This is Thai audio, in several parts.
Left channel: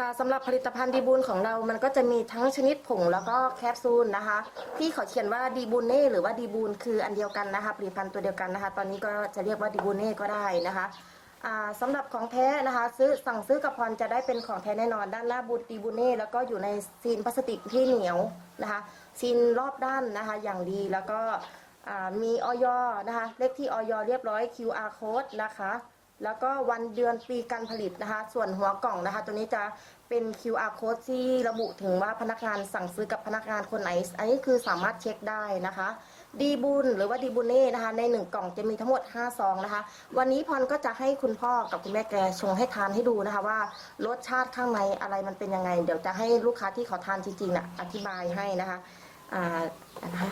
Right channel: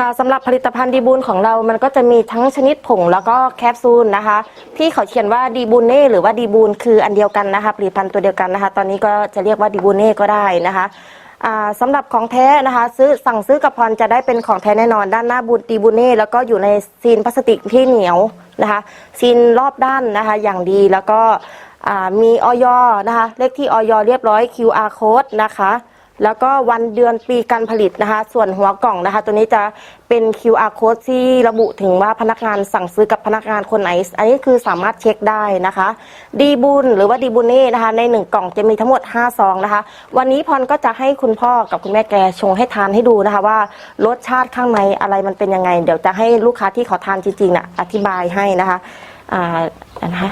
ค่ะสำหรับผลิตภัณฑ์ดีบูลของเรามันก็จะมีทั้งชนิดผงแล้วก็แคปซูลนะคะ ที่เขาเขียนว่าดีบูเน่หรือว่าดีบูลคืออันเดียวกันนะคะผลิตภัณฑ์ตัวเดียวกันนะคะ ตอนนี้ก็จะเรียกว่าดีบูเน่ก็ได้นะคะอ่าสำหรับของแท้นะคะ ซื้อสั่งซื้อกับพรจะได้เป็นของแท้แน่นอน ด้านหน้าบูดีบูเน่แล้วก็อยู่ในซีนพลาสติกที่เหนียวนะคะซีนรอบด้านนะคะอย่างดีแล้วก็อ่ามีออยนะคะเลขที่ออยเรียบร้อย QR code นะคะ แล้วก็วันเดือนปีการผลิตนะคะ ส่วนหัวกล่องนะคะ ตัวนี้จะเป็น QR code ที่ระบุถึงว่าพนักงานสั่งซื้อกับพนักงานคนไหน อันนี้คือสามารถเช็คได้นะคะ ดีบุญหรือว่าดีบุญนี่นะคะ ใน 1 กล่องจะมีทั้งหมด 5 ซองนะคะ วันนี้พรก็จะให้คุณพ่อกับคุณแม่แกชงให้ทานให้ดูนะคะ ว่ารสชาติข้างในอะไรมันเป็นยังไง เดี๋ยวจะให้ลูกค้าที่ขาทานจริงๆนะอธิบายให้นะคะอ่านนะคะ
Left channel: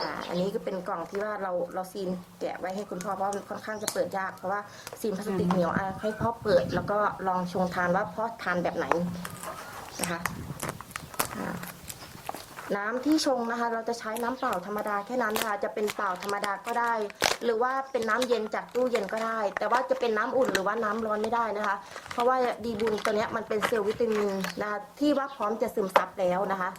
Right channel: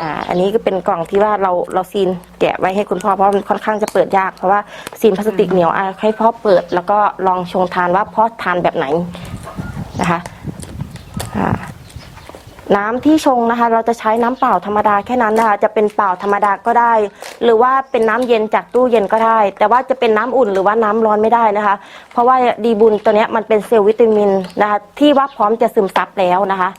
อ่าอันนี้ก็เป็นกล่องที่ว่าเราเราซีนแกะไว้ให้คุณพ่อเพราะมันค่อนข้างจะเปิดยากเพราะว่าซีนพลาสติกเหนียวอะให้พ่อเปิด แล้วก็ลองชงทานว่าพ่อทานแบบไหนนะคะอ่าน้ำที่ชงนะคะ เราจะใช้น้ำเปล่าธรรมดาแค่นั้นนะคะจะเป็นเปล่าธรรมดาก็ได้ หรือว่าเป็นน้ำเย็นจากตู้เย็นก็ได้ แต่ว่าจะเป็นน้ำอุ่นหรือว่าน้ำร้อนไม่ได้นะคะ เพราะว่าดีบุญตัวนี้มันเป็นเซลล์วิตามินนะคะที่ว่าพร้อมจะซึมซับแล้วนะคะ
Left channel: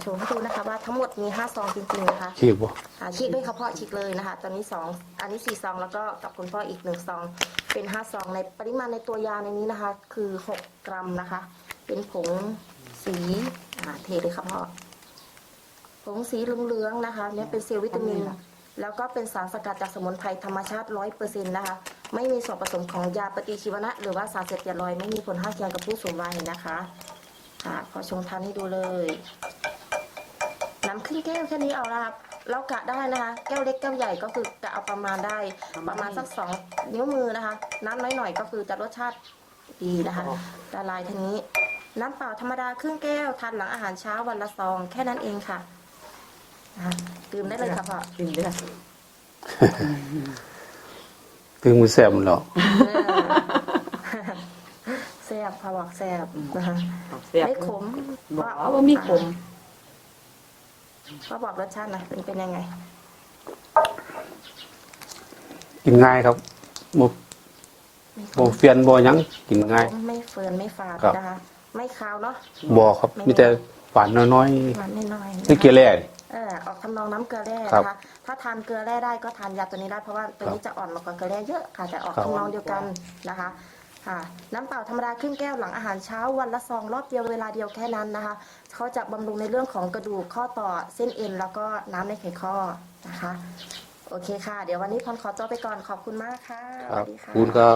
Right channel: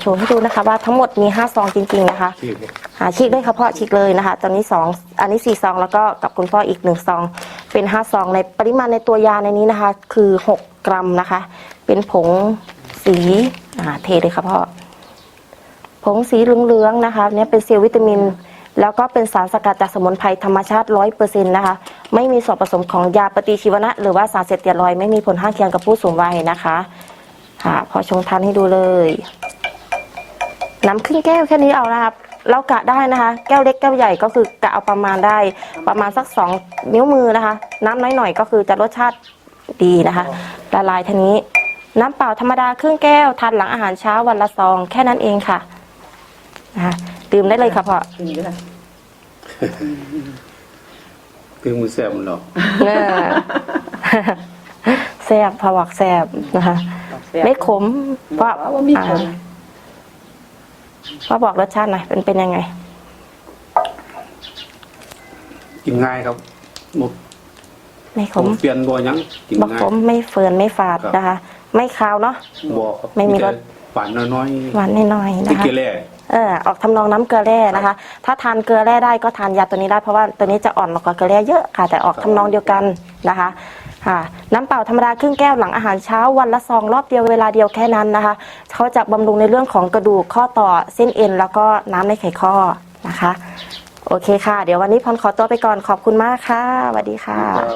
โชว์ให้ดูนะคะ ว่าทั้งหมดมี5ซองจริงๆนะคะฉีกบ่หาฉีกด้วยค่ะพ่อฉีกเลยนะคะ ตอนนี้สองอันนี้สี่ซองแล้วก็กับคุณพ่ออีกหนึ่งซองเป็นห้าซองในปริมาณในตัวยาในนี้นะคะ คือหกกรัมนะคะ เป็นผงสีอ่าเทเลยค่ะพ่อผงสีเหลืองๆนะคะเนี่ยเป็นเซลล์วิตามิน แล้วก็เป็นสารสกัดจากสมุนไพรธรรมชาติร้อยเปอร์เซ็นต์นะคะ ไม่มีส่วนผสมของยาปฏิชีวนะ หรือว่าสารเสพติดรอยด์ไม่มีผลข้างเคียงกับผู้สูงวัยนะคะ ค่ะ พอชงทานให้ดูเลย น้ำครึ่งแก้วแค่นี้เอานะครับเรากะได้นะคะ แก้วเล็กแก้วใหญ่ก็คือกะเอาประมาณได้ประมาณสักสองนิ้วมือนะคะ น้ำน้อยหน่อยก็คือจะรสชาติดีนะคะละลายทีนี้ น้ำเปล่าธรรมดาครึ่งแก้วทานหลังอาหารเช้าวันละซองแค่นั้นเองค่ะนะคะดื่มได้เลยค่ะพ่อกินอยู่นะถึงมือแซ่บมันหรอกเน่ะแซ่บผวักแซ่บนะคะ ไม่ขมเพราะว่ามีขม อ่าพ่อบอกรสชาติหน่อยเป็นเป็นยังไง กินง่ายครับบ่ไม่ขผมมเปลี่ยนบ่หยังกินบอกง่ายผมไม่เฟิร์นไม่ฝาดครับนะคะ ไม่คาวเนาะบ่ครับไม่มีมีแต่รสหวานน้อยหวานน้อยๆๆที่นะเกคะลือเออออกทำนองน้ำเกลือแร่นะคะ ถ้าทานเกลือแร่ได้ก็ทานยาตัวนี้ได้เพราะว่าตัวนี้จะอ่อนกว่าเกลือแร่เยอะค่ะ แต่ออกทำนองเดียวกันนะคะ ค่ะน้ำเปล่าธรรมดาครึ่งแก้วหลังอาหารเช้าวันละซองรอบเดียวเวลาเดียวแค่นั้นนะคะเขาจะบำรุงในเรื่องของกระดูกข้อต่อเส้นเอ็น แล้วก็น้ำในไขข้อนะคะ โอเคค่ะ เดี๋ยววันนี้พรขอตัวไปก่อนขอบคุณมากค่ะสวัสดีค่ะ